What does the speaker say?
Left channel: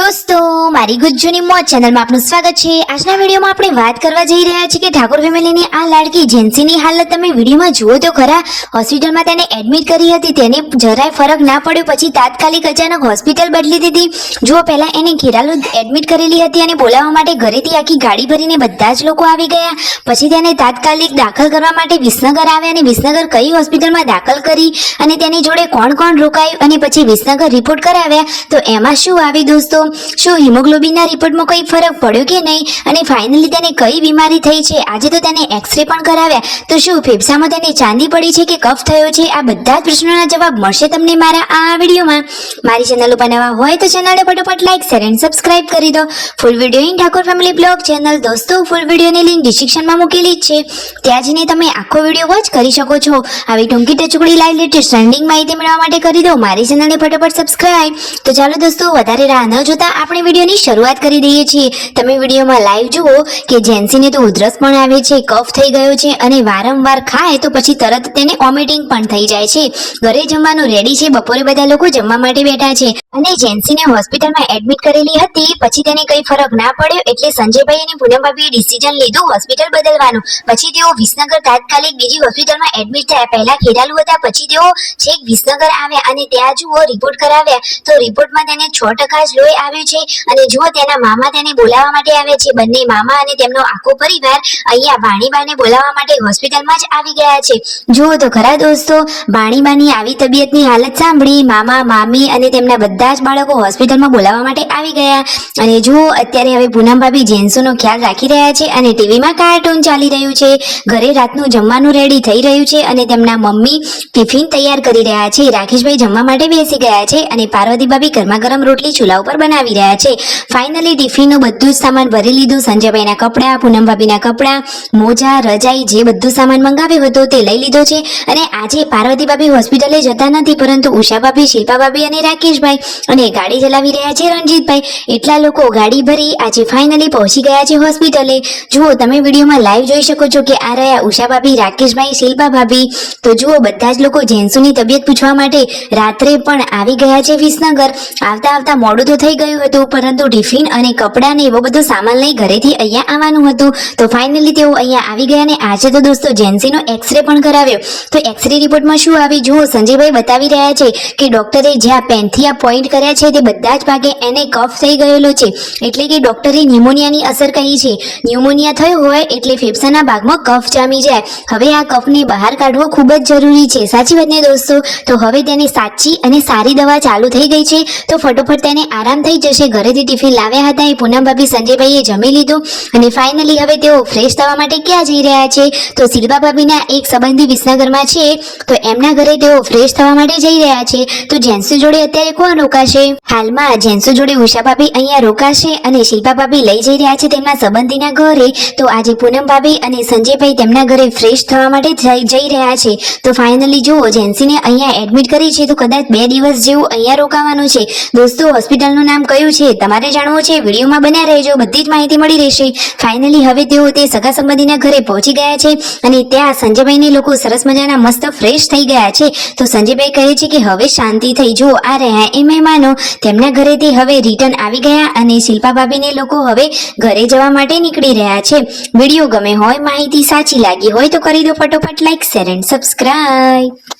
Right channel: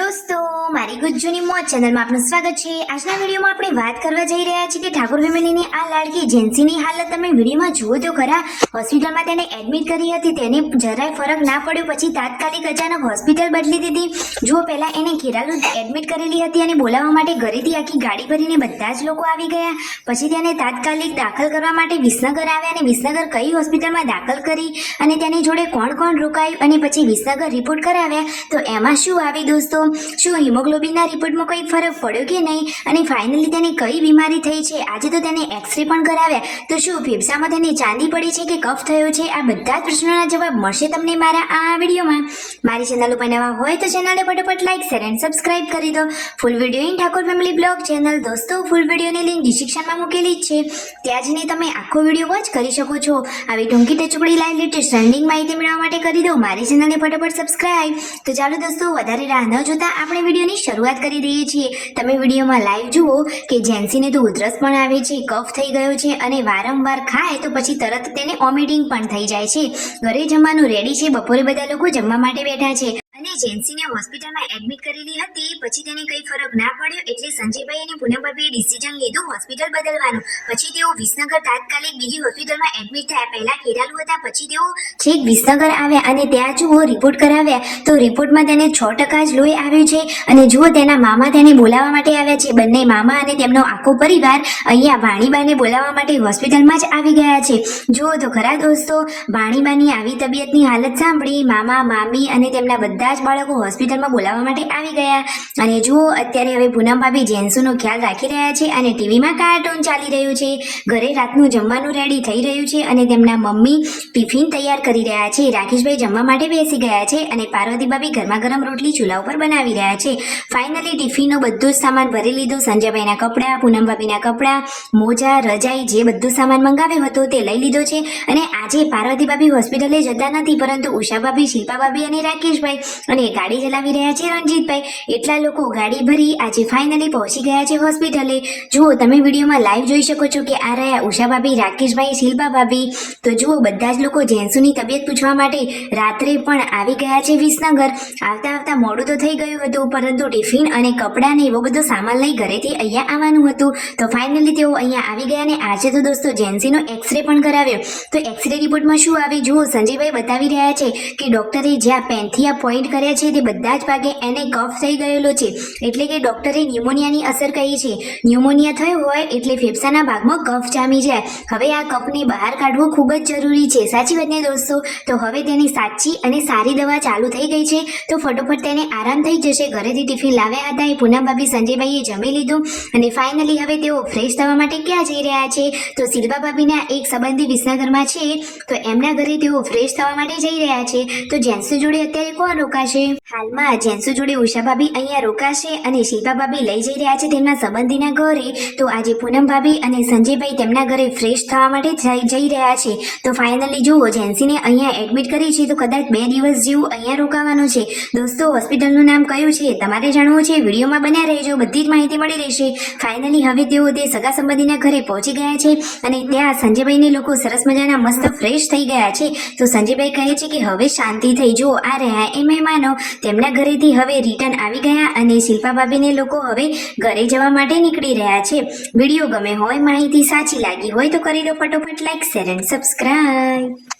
દોસ્તો મારી ગુજ્જુની મોજ ચેનલમાં આપનું સ્વાગત છે। આજના વિડીયોમાં આપણે વાત કરવા જઈ રહ્યા છીએ કે ઠાકોર ફેમિલીની આ લાડકી જેન્સીની હાલત તમે વિડીયોમાં જુઓ તો ખરા। હોસ્પિટલમાં તેને એડમિટ કરી હતી, તેને જરાય ફરક ના પડ્યો, પછી તાત્કાલિક અચાનક હોસ્પિટલ બદલી દીધી। જુઓ પહેલા એને ખેરાલુ એડમિટ કરેલી હતી અને બોલાવવા માટે ઘરેથી આખી ગાડી ભરીને બધા જ લોકો આવી ગયા। પછી તેને તાત્કાલિક દાખલ કરવા માટે વિસનગર આવ્યા અને વિસનગર કઈ હોસ્પિટલમાં દાખલ કરી અને તેની જોડે કોણ કોણ રોકાયું અને પછી વિસનગર રિપોર્ટ કરાવ્યા તો એમાં શું આવી દોસ્તો, શું હિમોગ્લોબિનના રિપોર્ટમાં કંઈ ફરક પડ્યો કે નહીં અને ફાઇનલી તેને કઈ બીમારી થઈ છે। આજે તો તેને એક્સરે પણ કરાવ્યા, તો શું ફેફસામાં તેને ચાંદી પડી છે કે કફ થયો છે? આ બધા જ પ્રશ્નોના જવાબ મળશે તમને મારા આ વિડીયોમાં। મારી ચેનલ ઉપર નવા હોય તો ચેનલને ફટાફટ લાઈક શેર એન્ડ સબસ્ક્રાઇબ કરી દો। Full video in Thakor family blog channel દોસ્તો, ફૂલ વિડીયોની લિંક ડિસ્ક્રિપ્શનમાં મૂકેલી જ છે, ત્યાં જઈને તમે આખો વિડીયો વોચ કરી શકો છો। આવી ટૂંકી ટચુકડી લાઈવ લેટેસ્ટ ટ્રેન્ડિંગ માહિતી મેળવવા માટે કરી દો મારી ચેનલને ફટાફટ સબસ્ક્રાઇબ। તો ચાલો દોસ્તો વધારે રાહ ન જોતા આપણે વિડીયોની શરૂઆત કરી દઈએ છીએ। તમે વિડીયોમાં લાઈવ જુઓ કે જેન્સીને તો ઉધરસ પણ આવે છે, કફ થઈ ગયો છે અને વારંવાર ખાય તો પછી તરત તેને વોમિટિંગ પણ થઈ જાય છે। ઘરે જમવાનું રેડી છે, બપોરે બધા લોકો જમવા માટે બેઠા છે અને જેન્સીને હોસ્પિટલમાં એડમિટ કરેલી હતી, પછી તેને કઈ ફરક ના પડ્યો એટલે સંજયભાઈ અને પૂનમભાઈએ ડિસિઝન લીધું હોસ્પિટલ બદલવાનું। પછી તેઓ વિસનગર તાત્કાલિક બીજી હોસ્પિટલમાં એડમિટ થયા। પહેલા ખેરાલુ હતા, પછી તેઓ છેક વિસનગર આવ્યા અને ત્યાં જુઓ રિપોર્ટ કરાવ્યા તો રિપોર્ટમાં તેને 6% જ લોહી આવ્યું છે અને જુઓ તેના મામા તેને બોલાવવા માટે આવ્યા છે। બંને મામા અને તેમનો આખો પરિવાર અહીંયા ભાણીબાને બોલાવવા માટે હોસ્પિટલમાં જ આવી ગયા છે। જુઓ તો ખરા દોસ્તો, ભાણીબાની આવી તબિયતની હાલત સાંભળી મામા મામી અને તેમના બધા જ બાળકો હોસ્પિટલમાં બોલાવવા માટે આવી ગયા। અને જુઓ અત્યારે હવે પૂનમ ભાભી જેન્સુનો ખ્યાલ રાખી રહ્યા છે અને ટીવીમાં કાર્ટૂન ચાલી રહ્યું છે, ઘરે રાતનું જમવાનું રેડી થઈ રહ્યું છે અને તેમના મમ્મી ટિફિન તૈયાર કરી રહ્યા છે। રાકેશભાઈ જમવા માટે બેસી ગયા છે અને પાર્વતી ભાભી ગરમા ગરમ રોટલી ચૂલા ઉપર બનાવી રહ્યા છે। ફાઇનલી ટિફિનનું બધું જ સામાન ભરી લીધું, સંજયભાઈના કપડાં, પૂનમ ભાભીના કપડાં, મોજા, રજાઈ જે બધું સામાન મંગાવ્યો હતો તે લઈ લીધો છે। અને આજે પાર્વતી ભાભી હોસ્પિટલે જતા નથી, પરંતુ ઉષા ભાભી, શિલ્પા ભાભી અને રાકેશભાઈ અને ગાડી ચલાવી રહ્યા છે રણજીતભાઈ, એટલા લોકો ગાડી ભરી આજે ફાઇનલી પહોંચી ગયા છે હોસ્પિટલે। જુઓ તમે વિડીયોમાં લાઈવ જોઈ શકો છો કે આ રહ્યા ઉષા ભાભી, રાકેશભાઈ, શિલ્પા ભાભી। તો જુઓ બધા જ લોકો જેન્સુની તબિયત પૂછવા માટે રાત્રે પણ આવી ગયા છે વિસનગર। આવતા મોડું તો થઈ ગયું હતું, પરંતુ ટિફિન અને કપડાં ને એવો બધો સામાન લઈ ઘરેથી અહીંયા આવવાનું હતું, તો ફાઇનલી તેઓ અહીંયા આવી ગયા ને આજે તો દોસ્તો જેન્સીનો એક્સરે પણ કરાવ્યો। તો એક્સરે રિપોર્ટમાં શું આવી જુઓ, સંજયભાઈ બતાવી રહ્યા છે કે ડોક્ટરે જ્યાં પેનથી આ પોઈન્ટ કર્યા છે તે બધા જ ભાગે એને કફ થઈ ગયેલો છે, એટલે કે ડોક્ટરે ન્યુમોનિયાની અસર કહી છે। ન્યુમોનિયા થયો હોય એટલે ફેફસાના ભાગમાં કફ જામી જાય, હવે આ કફને બહાર કાઢવો ખૂબ જ જરૂરી છે, સાચી વાત ને દોસ્તો? તો હવે તેની સાચી અને સારી દવા ચાલુ થઈ ગઈ છે, તો ફટોફટ તેને આરામ થઈ જશે। ઘરેથી ટિફિન લાવ્યા હતા એ પૂનમ ભાભી, સંજયભાઈએ જમી લીધું અને ફાઇનલી હવે તેઓ ફ્રેશ થવા માટે ક્યાં જઈ રહ્યા છે તો શિલ્પા ભાભીના એક સંબંધી વિસનગરમાં છે, તો એમના ઘરે તેઓ ફ્રેશ થવા માટે જઈ રહ્યા છે। તો જેન્સુ જોડે અત્યારે કોણ રોકાશે? હાલમાં જેન્સુ જોડે ઉષા ભાભી અહીંયા રોકાશે અને શિલ્પા ભાભી લઈ જઈ રહ્યા છે તેમના સંબંધીના ઘરે। તો આજે પૂનમ ભાભી અને સંજયભાઈ તેમના ઘરે ફ્રેશ થવા માટે જઈ રહ્યા છે। તો ફાઇનલી જુઓ જેન્સીને અહીંયા એડમિટ કરી છે, તો કદાચ 2 દિવસ જેવું અહીંયા રોકાવાનું છે। દોસ્તો હોસ્પિટલનું નામ કયું છે તમારે જાણવું છે? વિડીયોમાં બન્યા રહેજો, બધી જ માહિતી મળી રહેશે। ફાઇનલી હવે તેઓ તે સગા સંબંધીના ઘરે પહોંચી ગયા છે અને ત્યાં સંજયભાઈને લોકો સરસ મજાના મસ્ત ફ્રેશ થઈ ગયા છે। તો સંજયભાઈ કહે છે કે હવે શાંતિ થઈ, જો આ રહ્યા એ મહેમાનો તેમના ઘરેથી હવે રિટર્ન આવી ગયા અને શિલ્પા ભાભીને લોકો હવે ઘરે જવા માટે નીકળી રહ્યા છે। વિડીયો ગમે હોય, માહિતી સાચી લાગી હોય તો કરી દો ફટોફટ લાઈક શેર એન્ડ સબસ્ક્રાઇબ।